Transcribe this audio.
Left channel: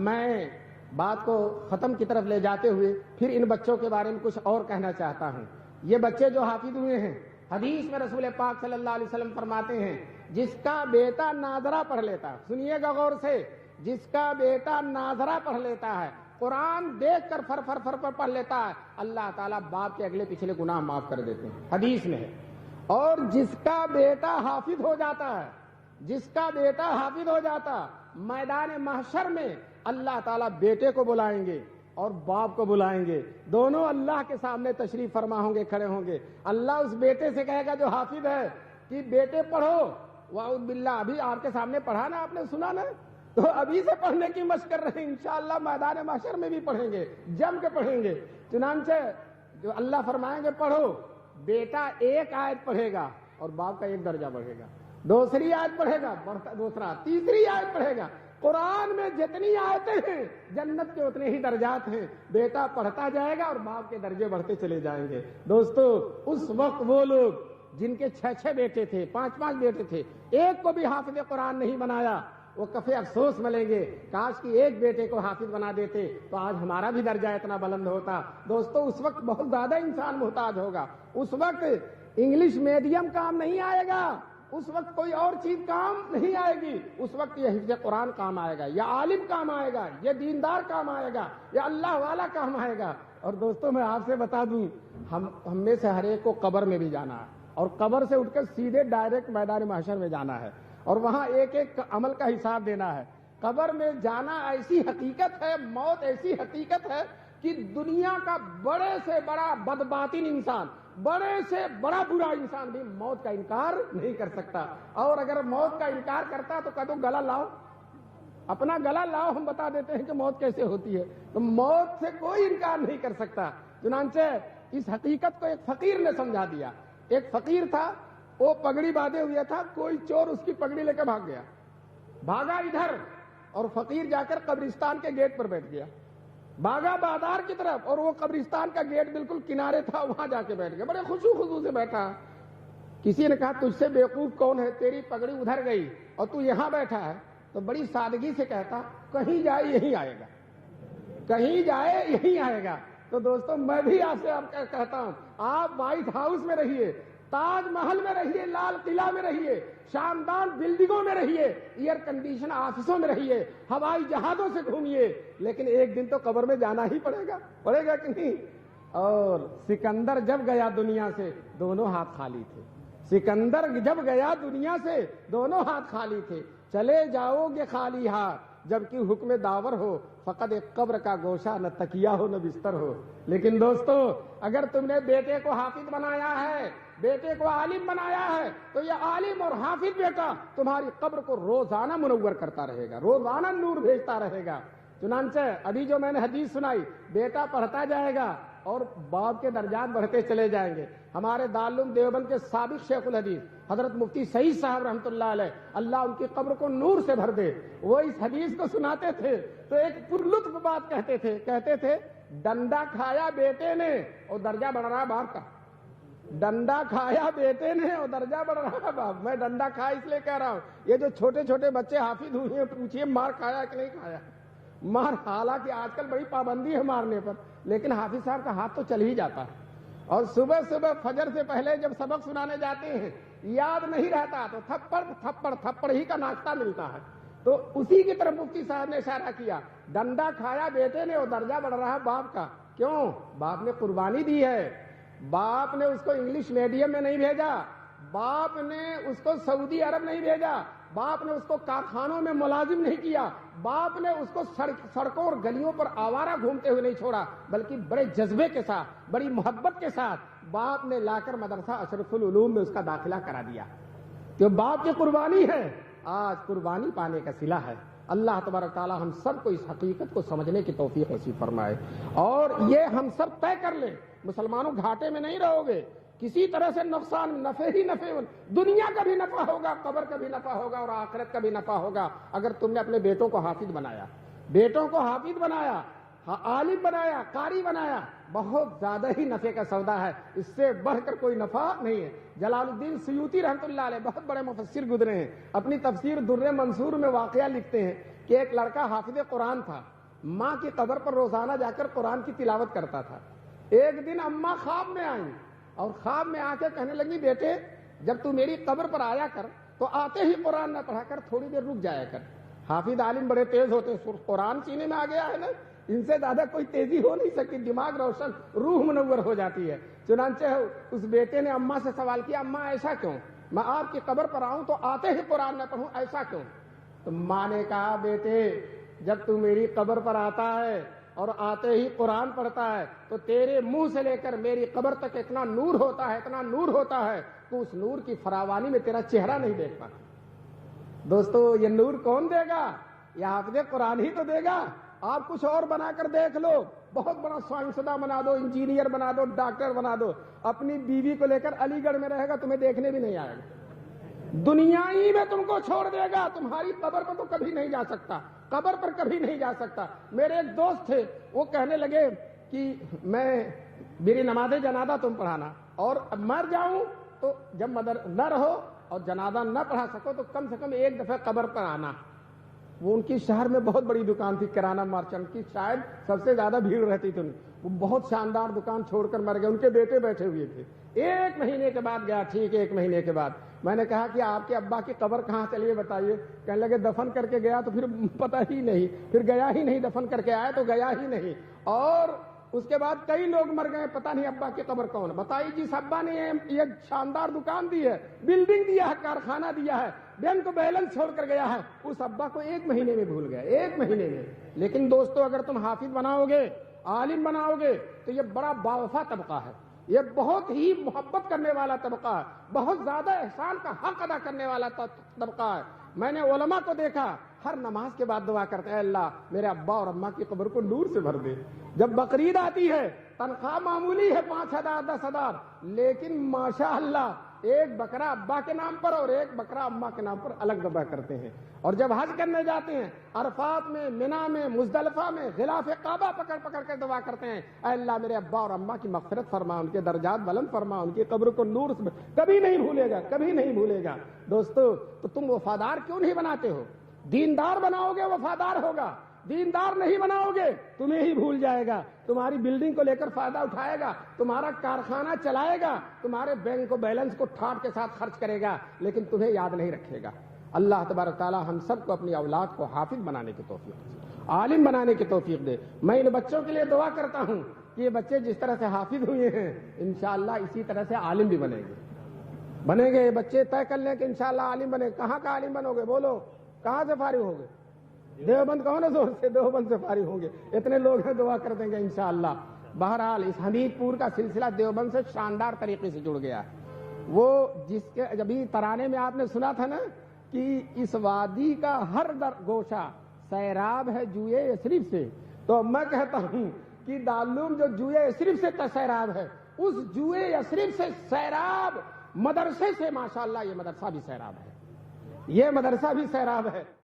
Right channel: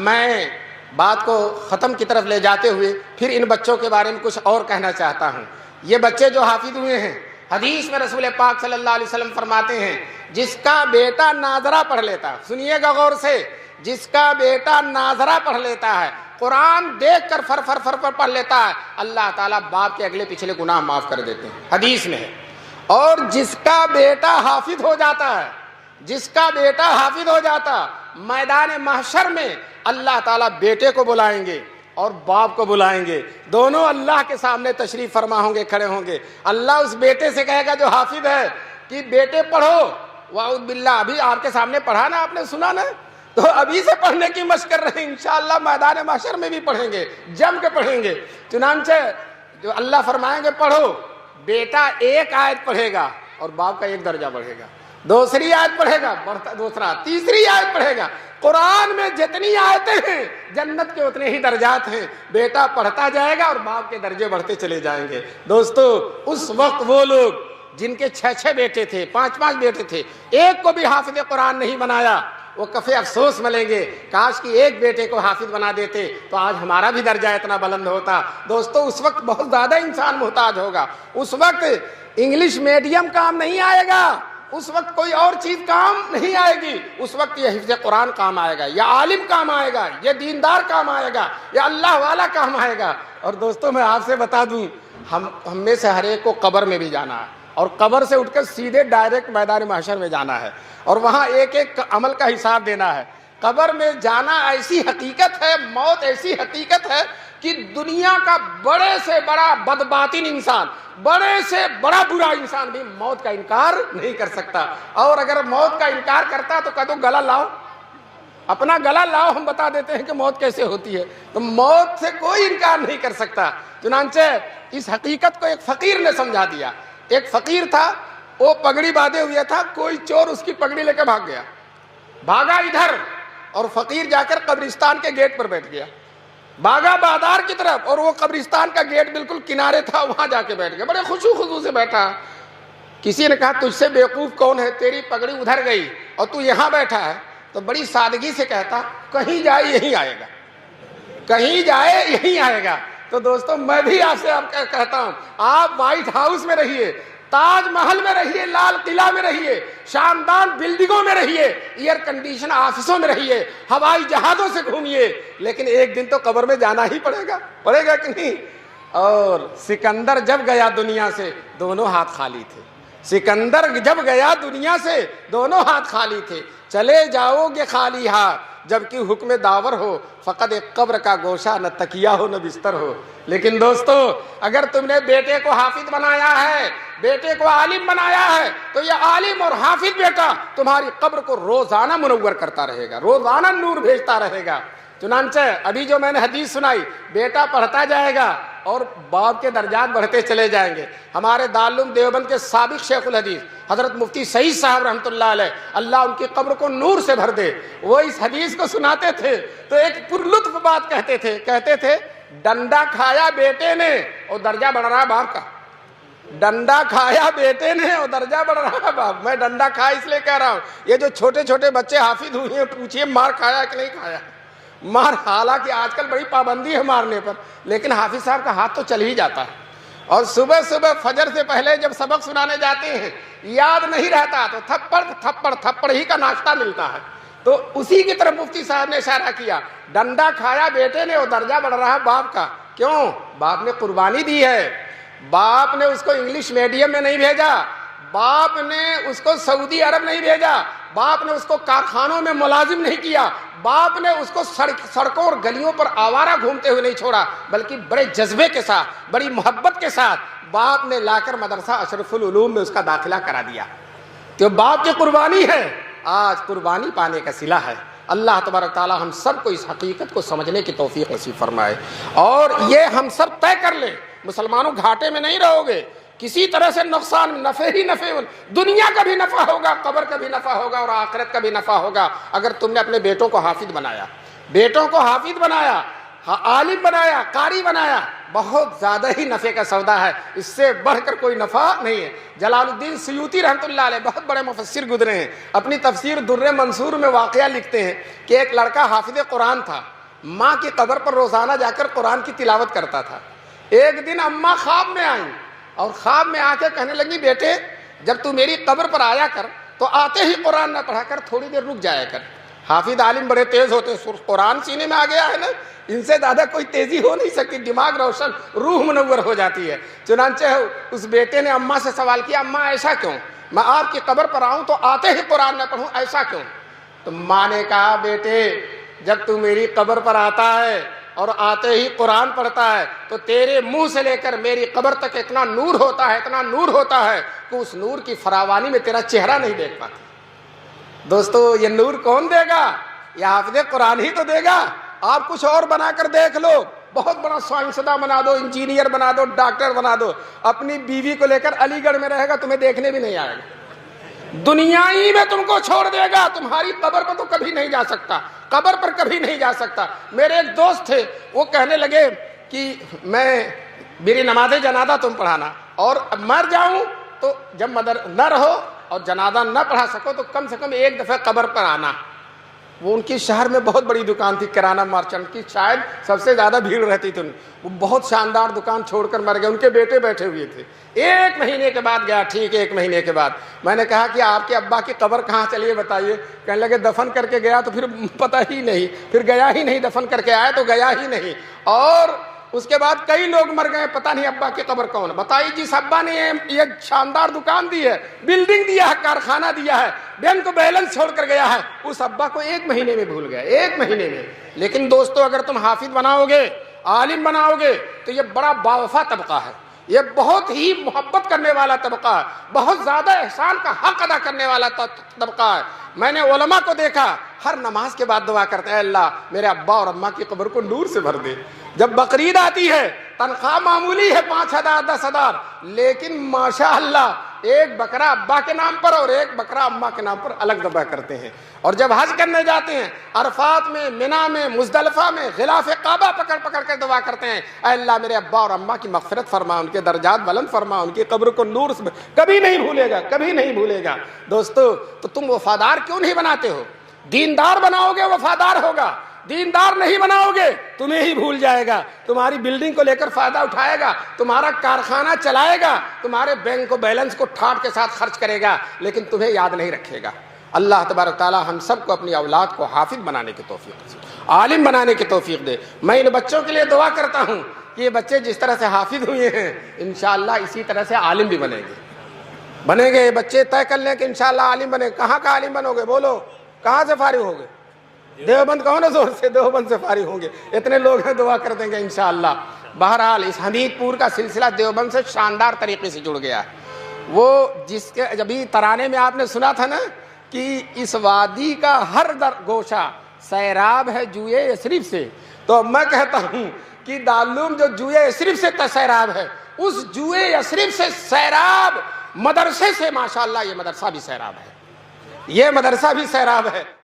میں بات کو ختم کی طرف لے جاتے ہوئے پھر ان بچوں کے بارے میں کچھ اور کہنا چاہتا ہوں۔ یہ بچے جو حافظ ہوئے ہیں، حدیث میں رسول پاک صلی اللہ علیہ وسلم فرماتے ہیں جس کا بیٹا ناظرہ پڑھ لیتا، سنیے گا غور سے، جس کا بیٹا ناظرہ پڑھ لیتا ہے، قرآن دیکھ کر فر فر فر فر پڑھ لیتا ہے، اللہ تعالیٰ باپ کے اگلے پچھلے گناہ معاف کر دیتے ہیں، حدیث میں ہے۔ اور جس کا بیٹا حافظ ہو جاتا ہے، جس کا بیٹا حافظ ہو جاتا، میدان محشر میں اللہ تعالیٰ بیٹے کو بلائیں گے اور باپ کو بلائیں گے، دونوں اللہ کے سامنے تشریف فرما ہوں گے، کھڑے ہوں گے۔ اللہ اس بیٹے سے کہے گا جو حافظ ہے کہ بیٹے پڑھو، واعوذ باللہ، ابھی آپ کے سامنے پڑھا نا، آپ نے سنا نا، تو ابھی سے پڑھنے کی مشق کر رہے ہیں، انشاءاللہ میدان محشر میں بھی پڑھیں گے، جم کے پڑھیں گے۔ چنانچہ جو اللہ فرمائیں گے پڑھو، بیٹا ایک آیت پڑھے گا اور باپ کا ایک درجہ بڑھے گا، دوسری آیت پڑھے گا بڑھتا دوسرا، تیسری آیت پڑھے گا۔ قرآن میں جتنی آیتیں ہیں جنت کے اتنے ہی درجات ہیں، بیٹا پڑھتا جائے گا اور باپ کے درجے بڑھتے چلے جائیں گے۔ دوستو، اس وقت وہ لوگ جن کے 6 بیٹے تھے، 5 بیٹے تھے، ایک کو بھی حافظ قرآن نہیں بنایا، وہ کفے افسوس ملیں گے، کاش کہ ایک بیٹے کو حافظ بنا دیتے تو آج ہمارا بھی درجہ اتنا بلند ہوتا۔ دوستو، اس وقت بہت زیادہ انسان محتاج ہوگا، اس وقت انگلش میڈیم کام نہیں آئے گا، اس وقت کوئی اور چیز کام نہیں آئے گی، اس وقت یہ حفظ قرآن کام آئے گا، یا عالم کام آئے گا، یہ دیندار کام آئے گا، یا اللہ والا کام آئے گا۔ اور دوستو، میں آپ سے بتا دوں، ہم میں سے ہر ایک کو قبر میں بھی جانا ہے، اور قبر سے اٹھ کر سیدھے ڈائریکٹ میدان محشر میں جانا ہے، اور وہاں ایک ایک عمل کا حساب دینا ہے۔ قبر میں جانا ایسی حقیقت ہے، موت ایسی حقیقت ہے کہ دنیا کا بڑے سے بڑا بدباطن انسان، بڑے سے بڑا برا انسان بھی موت کا انکار نہیں کر سکتا، اور اگر موت کا انکار کرتا تو کہہ دو گلا لاؤ، اپنا گلا لاؤ، ہم بتا دیتے ہیں کہ موت کیسے ہوتی ہے۔ تو موت سے کوئی انکار نہیں کر سکتا۔ چنانچہ اس حقیقت کو ایک فقیر نے سمجھا دیا۔ ایک فقیر تھا، وہ پگڑی باندھے ہوئے تھا، کوئی چور اس کی پگڑی لے کے بھاگ گیا، بھاگا ادھر، اور فقیر جا کر قبرستان کے گیٹ پر بیٹھ گیا، بھاگا بازار کی طرف، اور وہ قبرستان کا گیٹ بالکل کنارے تھا، وہاں جا کے بیٹھ گیا، بڑے خوشو خضو سے بیٹھا۔ کسی نے کہا تجھ سے بیوقوف کون ہے، تیری پگڑی ادھر گئی اور تو یہاں بیٹھا ہے؟ تو بڑی سادگی سے کہتا کہیں جائے یہی آئے گا، کہیں جائے یہی آئے گا۔ تو دوستو، میں بھی آپ سے کہتا ہوں، آپ وائٹ ہاؤس میں رہیے، تاج محل میں رہیے، لال قلعہ میں رہیے، شاندار بلڈنگوں میں رہیے، ایئر کنڈیشن آفسوں میں رہیے، ہوائی جہازوں سے گھومیے، لیکن ایک دن تو قبر میں جانا ہی پڑے گا کہ نہیں؟ اور سکندر جب گیا دنیا سے دونوں ہاتھ خالی تھے، سکندر جب گیا دنیا سے دونوں ہاتھ خالی تھے۔ چلے جاؤ گے خالی ہاتھ جبکہ حکم داور ہو، فقط ایک قبر کا گوشہ، نہ تکیہ ہو نہ بستر ہو۔ لیکن دوستو، اگر تم نے بیٹے کو حافظ بنایا ہے، بیٹے کو عالم بنایا ہے، تو یہ عالم اور حافظ بیٹا تمہاری قبر کو روزانہ منور کرتا رہے گا، روزانہ نور بھیجتا رہے گا۔ چنانچہ ابھی جو میں نے حدیث سنائی، بیٹا پڑھتا جائے گا اور باپ کے درجات بڑھتے چلے جائیں گے۔ ہمارے دارالعلوم دیوبند کے سابق شیخ الحدیث حضرت مفتی سعید صاحب رحمۃ اللہ علیہ، اللہ ان کی قبر کو نور سے بھر دے، وہ اس حدیث کو سناتے تھے تو ایک پرلطف بات کہتے تھے ڈنڈا کھایا بیٹے نے اور درجہ بڑھ رہا باپ کا، ڈنڈا کھایا بیٹے نے اور درجہ بڑھ رہا باپ۔ میں ڈنڈا کھایا اس لیے کہہ رہا ہوں، یہ جو چھوٹے چھوٹے بچے حافظ ہوئے ہیں، پوچھئے مار کھایا کہ نہیں کھایا؟ مار، حالانکہ آج کل بڑی پابندی ہے مارنے پر، لیکن حافظ صاحب کا ہاتھ تو چل ہی جاتا ہے، اور صبح صبح فجر سے پہلے جب سبق سنانے جاتے ہیں یاد نہیں رہتا تو تھپڑ ہی کا ناشتہ ملتا ہے۔ تو اسی کی طرف مفتی صاحب نے اشارہ کیا، ڈنڈا کھایا بیٹے نے اور درجہ بڑھ رہا باپ کا۔ کیوں؟ باپ نے قربانی دی ہے، باپ نے اس کو انگلش میڈیم میں نہیں بھیجا، باپ نے اس کو سعودی عرب نہیں بھیجا، باپ نے اس کو کارخانوں میں ملازم نہیں کیا، باپ نے اس کو سڑکوں اور گلیوں پر آوارہ گھومتے ہوئے نہیں چھوڑا، بلکہ بڑے جذبے کے ساتھ، بڑی محبت کے ساتھ باپ نے لا کر مدرسہ اشرف العلوم میں اس کا داخلہ کرا دیا۔ تو باپ کی قربانی ہے، آج قربانی پانے کا صلہ ہے۔ اللہ تبارک تعالی ہم سب کو اس حقیقت کو سمجھنے کی توفیق نصیب فرمائے، اور یہ ہم سب طے کر لیں، مسلمانوں گھاٹے میں نہیں رہو گے، کسی طرح سے نقصان، نفع ہی نفع، دنیا کا بھی نفع ہوگا، قبر کا بھی نفع ہوگا اور آخرت کا بھی نفع ہوگا۔ اگر تم نے اپنے بیٹوں کو حافظ بنایا، بیٹوں کو حافظ بنایا، عالم بنایا، قاری بنایا، بہت زیادہ ہی نفع کا سودا ہے، اس سے بڑھ کر کوئی نفع نہیں ہے۔ جلال الدین سیوطی رحمۃ اللہ علیہ بہت بڑے مفسر گزرے ہیں، اپنی تفسیر در منصور میں واقعہ لکھتے ہیں کہ ایک لڑکا حافظ قرآن تھا، ماں کی قبر پر روزانہ جا کر قرآن کی تلاوت کرتا تھا۔ ایک دن اماں خواب میں آئیں اور خواب میں آ کے کہنے لگی، بیٹے جب تو میری قبر پر آیا کر تو آتے ہی قرآن نہ پڑھا کر، تھوڑی دیر رک جایا کر۔ حافظ عالم بڑے تیز ہوتے، قرآن سینے میں آ گیا ہے نا، ان سے زیادہ کوئی تیزی ہو نہیں سکتی، دماغ روشن، روح منور ہو جاتی ہے۔ چنانچہ اس بیٹے نے اماں سے سوال کیا، اماں ایسا کیوں؟ میں آپ کی قبر پر آؤں تو آتے ہی قرآن نہ پڑھوں، ایسا کیوں؟ تو ماں نے کہا، بیٹے جب تو میری قبر پر آتا ہے اور آتے ہی قرآن پڑھتا ہے تو تیرے منہ سے لے کر میری قبر تک اتنا نور ہوتا ہے، اتنا نور ہوتا ہے کہ اس نور کی فراوانی میں تیرا چہرہ نہیں دیکھ پاتا۔ دوستو یہ نور کون دے گا؟ یہ حافظ قرآن ہی تو دے گا۔ آپ کچھ اور بنا کر دیکھ لو، بہت بڑا سائنسداں بنا دو، انجینئر بنا دو، ڈاکٹر بنا دو، اپنی بیوی کو لے کر علی گڑھ میں رہے گا، تمہیں دیکھنے بھی نہیں آئے گا، دنیا ہی میں تم کو چھوڑ دے گا، تمہاری قبر پر تو کبھی نہیں جا سکتا، قبر پر کبھی نہیں جا سکتا۔ میرے ایک دوست تھے، وہ کہنے لگے کہ میری نماز جنازہ تم پڑھانا، اور مر جاؤں تو جب نہ رہو اور جنازہ نہ پڑھا سکو تو کم سے کم ایک دفعہ قبر پر آنا۔ وہ ان کی شہر میں بہت بڑی دکان تھی، کرانہ مرچنٹ کی، شاید سب سے زیادہ بھیڑ رہتی تھی، وہ بہت شاندار دکان چھوڑ کر مر گئے، ان کے بیٹے بیٹھے ہوئے تھے۔ ایک مہینے کے بعد گیا، ٹھیک ایک مہینے کے بعد میں نے کہا کہ آپ کے ابا کی قبر کہاں چلیے بتائیے؟ کہنے لگے دفن کر کے گیا تو پھر پتہ ہی نہیں، پھر گیا ہی نہیں، دفن کر کے آیا تو گیا ہی نہیں، اور اس کے بعد کئی لوگ مر گئے، پتہ نہیں ابا کی قبر کون ہے۔ بتائیے جس ابا نے یہ شاندار دکان دی ہے، بلڈنگ دیا ہے، کارخانہ دیا ہے، بینک کو بیلنس چھوڑ کر گیا ہے، اس ابا کو ایک مہینے میں بھول گیا، ایک مہینے میں۔ لیکن دوستو اگر تم حافظ بناؤ گے، عالم بناؤ گے تو یہ بڑا باوفا طبقہ ہے، یہ بہت ہی محبت کرنے والا طبقہ ہے، بہت زیادہ احسان کا حق ادا کرنے والا طبقہ ہے۔ میں نے علماء کو دیکھا ہر نماز کے بعد دعا کرتے ہیں، اللہ میرے ابا اور اماں کی قبر کو نور سے بھر دے۔ جب بقرعید آتی ہے، تنخواہ معمولی ہے 5,000 10,000، لیکن ماشاء اللہ ایک بکرا ابا کے نام پر اور ایک بکرا اماں کے نام پر الگ ذبح کرتے ہیں۔ اور جب حج کرنے جاتے ہیں، عرفات میں، منی میں، مزدلفہ میں غلاف کعبہ پکڑ پکڑ کر دعا کرتے ہیں، اے اللہ میرے ابا اور اماں کی مغفرت فرما، ان کے درجات بلند فرما، ان کی قبر کو نور سے کبھی نہیں بھولے گا، کبھی نہیں بھولے گا۔ دوستو تو تم وفادار کیوں نہیں بناتے ہو؟ دیندار بناؤ گے وفادار ہوگا، دیندار نہیں بناؤ گے تمہیں ہی بھول جائے گا، تمہاری بلڈنگ کو لے کر فائدہ اٹھائے گا، تمہارا کارخانہ چلائے گا، تمہارے بینک کو بیلنس کو ٹھاٹ کے ساتھ خرچ کرے گا، لیکن تمہیں یاد نہیں رکھے گا۔ اللہ تبارک تعالی ہم سب کو اپنی اولاد کو حافظ بنانے کی توفیق دے، عالم بنانے کی توفیق دے۔ میں ان بچوں کے لیے دعا کرتا ہوں کہ یہ بچے جس طرح سے حافظ ہوئے ہیں انشاءاللہ اسی طرح سے عالم بھی بنیں گے۔ یہ بچے طے کر لیں کہ انشاءاللہ عالم بنے۔ کہاں کا عالم بنو گے؟ بولو، کہاں سے فارغ ہوگے؟ دیوبند کہو نا زور سے، دیوبند سے فارغ ہوں گے، اتنے لوگ ہیں، دعا کر دیں گے انشاءاللہ۔ بہرحال اس حمید پور کا سلسلہ دیوبند سے شاندار طریقے سے جڑ گیا ہے۔ وہ جس کے ابھی ترانے میں آپ نے سنا تھا نا کہ اس وادی کا ہر گوشہ سیراب ہے جوئے یثرب سے، تو میں کہتا ہوں کہ دارالعلوم جو جوئے یثرب سے سیراب ہے، اس جوئے یثرب سے سیراب مدرسے سے ماشاءاللہ یہ مدرسہ بھی سیراب ہے، یہ مدرسہ بھی سیراب ہے۔